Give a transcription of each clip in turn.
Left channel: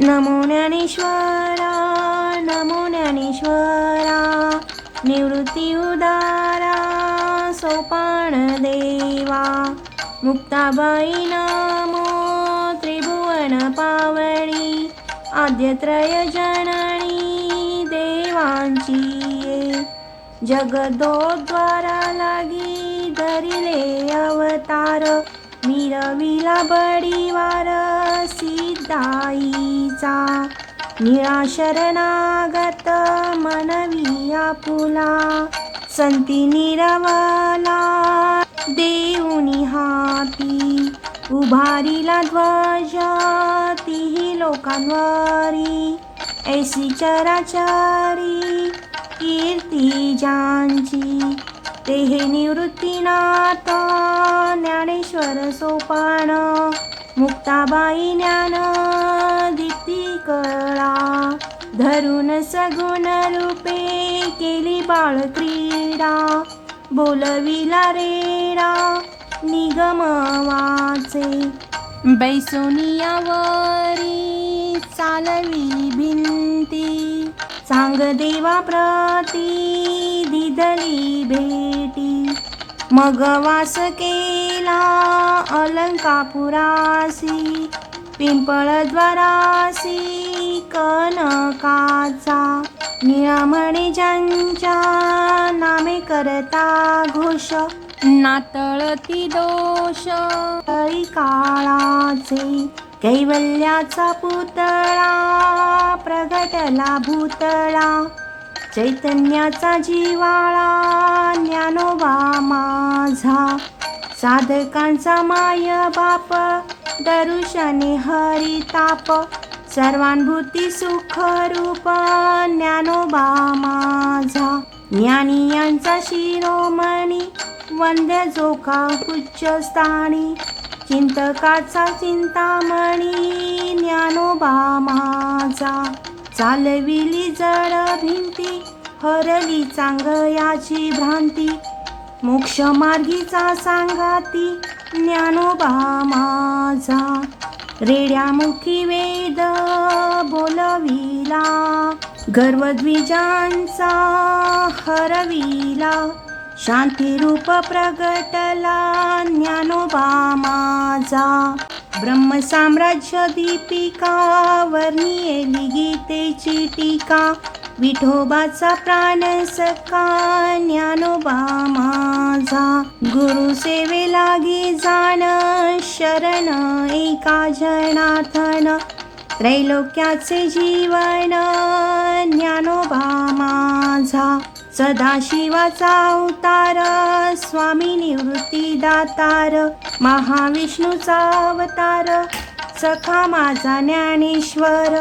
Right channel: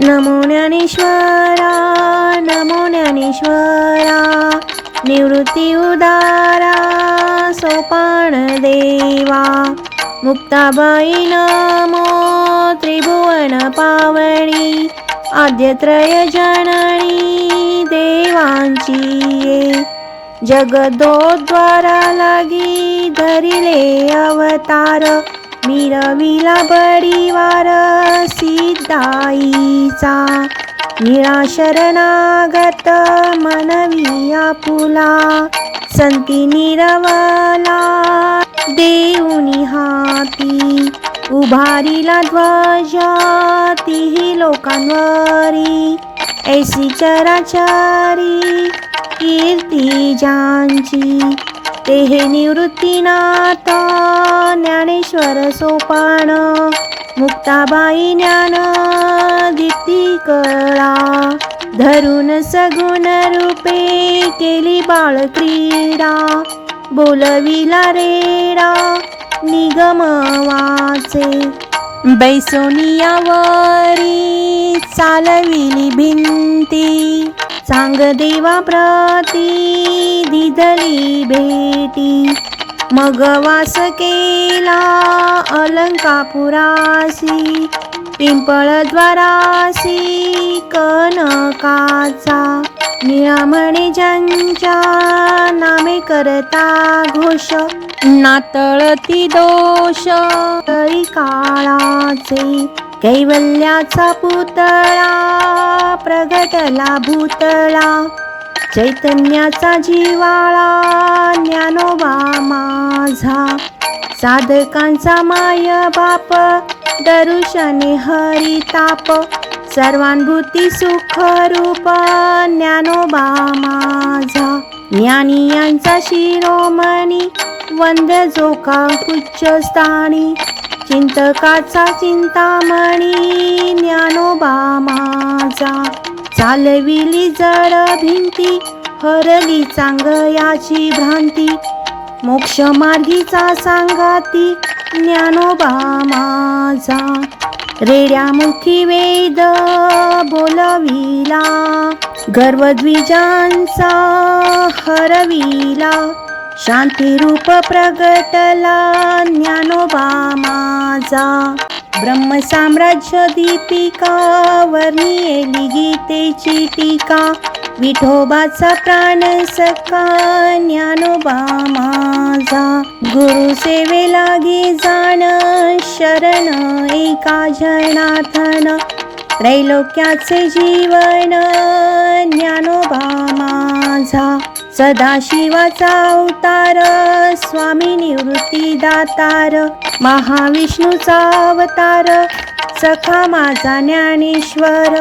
नमो ज्ञानेश्वरा, नमो ज्ञानेश्वरा, निवृत्ती उदारा सोपान देवा। मुक्ताबाई नमो त्रिभुवन पावनी, आद्यत्रय जननी देवांची ये। जगदोद्वारा लागी धरिले अवतार, मिरविला बडीवार सिद्धाईचा। निळा शरणागत मनवी आपुला, संती निरवला देऊनी हाती। उभारिला ध्वजा तिही लोकांवरी, ऐसी चराचरी कीर्ती ज्यांची। ते हे निवृत्तीनाथ ज्ञानेश्वर सोपान, मुक्ताबाई ज्ञान दीप्ती कळा। धरून सगुण रूपे केली बाळ क्रीडा, बोलविला रेडा निगम वाचे। बैसोनियावरी चालविली भिंती, सांग देवा प्रती दिधली भेटी। मग वास केला अलंकापुरासी, पिंपळद्वारासी कनकाचा। निळामणे ज्यांच्या नामे करता घोष, नातळती दोष तळी काळाचे। कैवल्याचा पुतळा प्रगटला भूतळा, चैतन्याचा जिवाळा ज्ञानोबा माझा। साधकांचा माय बाप दर्शने हरिताप, सर्वानुभूती सुख रूप ज्ञानोबा माझा। ज्ञानी यांचा शिरोमणी वंद्य जो का उच्चस्थानी, चिंतकाचा चिंतामणी ज्ञानोबा माझा। चालविली जड भिंती, हरली चांगयाची भ्रांती, मोक्ष मार्गीचा सांगाती ज्ञानोबा माझा। रेड्यामुखी वेद बोलविला, गर्वद्विजांचा हरविला, शांती रूप प्रगटला ज्ञानोबा माझा। ब्रह्मसाम्राज्य दीपिका वर्णियेली गीतेची टीका, विठोबाचा प्राण सखा ज्ञानोबा माझा। गुरु सेवे लागी जाण शरण एका जनार्दन, त्रैलोक्याचे जीवन ज्ञानोबा माझा। सदाशिवाचा अवतार स्वामी निवृत्ती दातार, महाविष्णूचा अवतार सखा माझा ज्ञानेश्वर।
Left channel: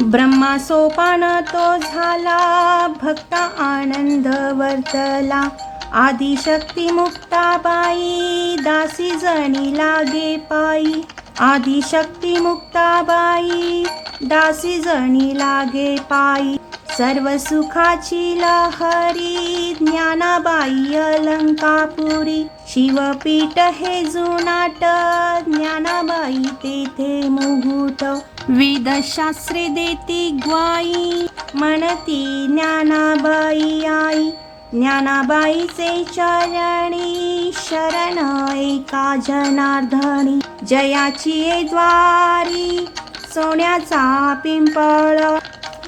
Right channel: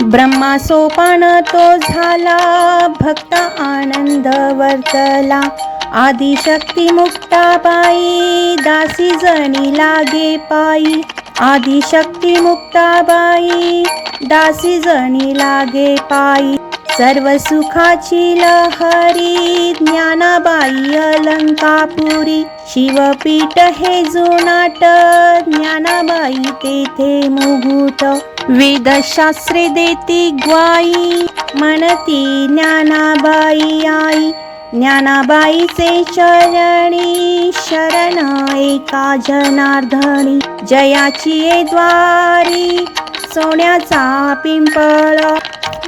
ब्रह्मा सोपान तो झाला, भक्त आनंद वर्तला। आदिशक्ती मुक्ताबाई दासी जणी लागे पायी, आदिशक्ती मुक्ताबाई दासी जणी लागे पायी। सर्व सुखाची लहरी ज्ञानाबाई अलंकापुरी, शिवपीठ हे जुनाट ज्ञानाबाई तेथे मुगुट। वेदशास्त्रे देती ग्वाई, म्हणती ज्ञानाबाई आई। ज्ञानाबाईचे चरणी शरण एका जनार्दनी, जयाची ये द्वारी सोन्याचा पिंपळ।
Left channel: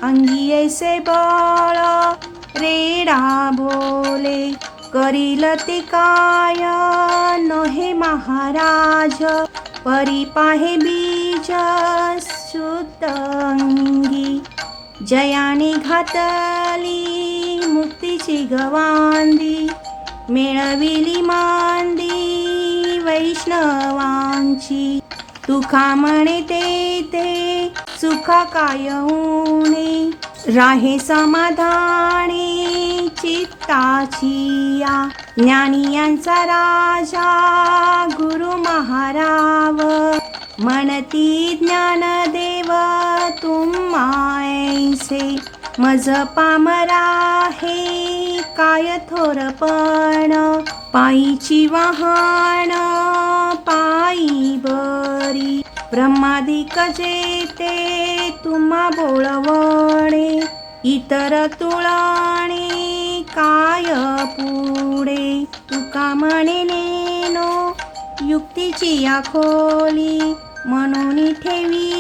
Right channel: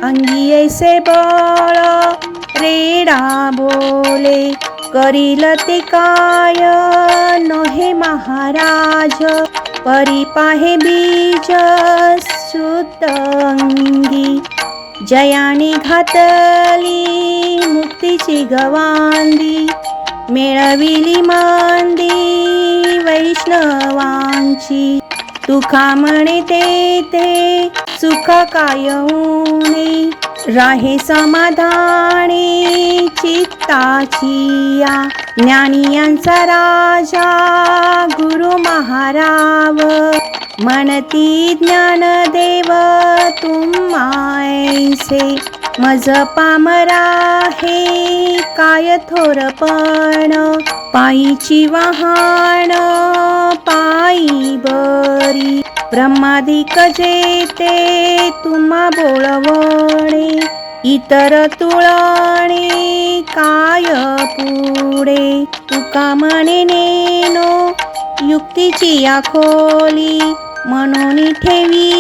अंगी ऐसे बळ रेडा बोले, करील ते काय नोहे महाराज। परी पाहे बीज शुद्ध अंगी, जयाने घातली मुक्तीची गवांदी। मिळविली मांदी वैष्णवांची, तुका म्हणे तेथे सुखा काय ऊणे। राहे समाधानी चित्ताची या, ज्ञानी यांचा राजा गुरु महाराव। म्हणती ज्ञानदेव तुम्हाऐसे, मज पामरा हे काय थोरपण। पायीची वाहन पायी बरी, ब्रह्मादिक जेते तुम्हा बोळवणे, इतर तुळणे काय पुढे. तुका म्हणे नेनो युक्तीची या खोली, म्हणून ठेवी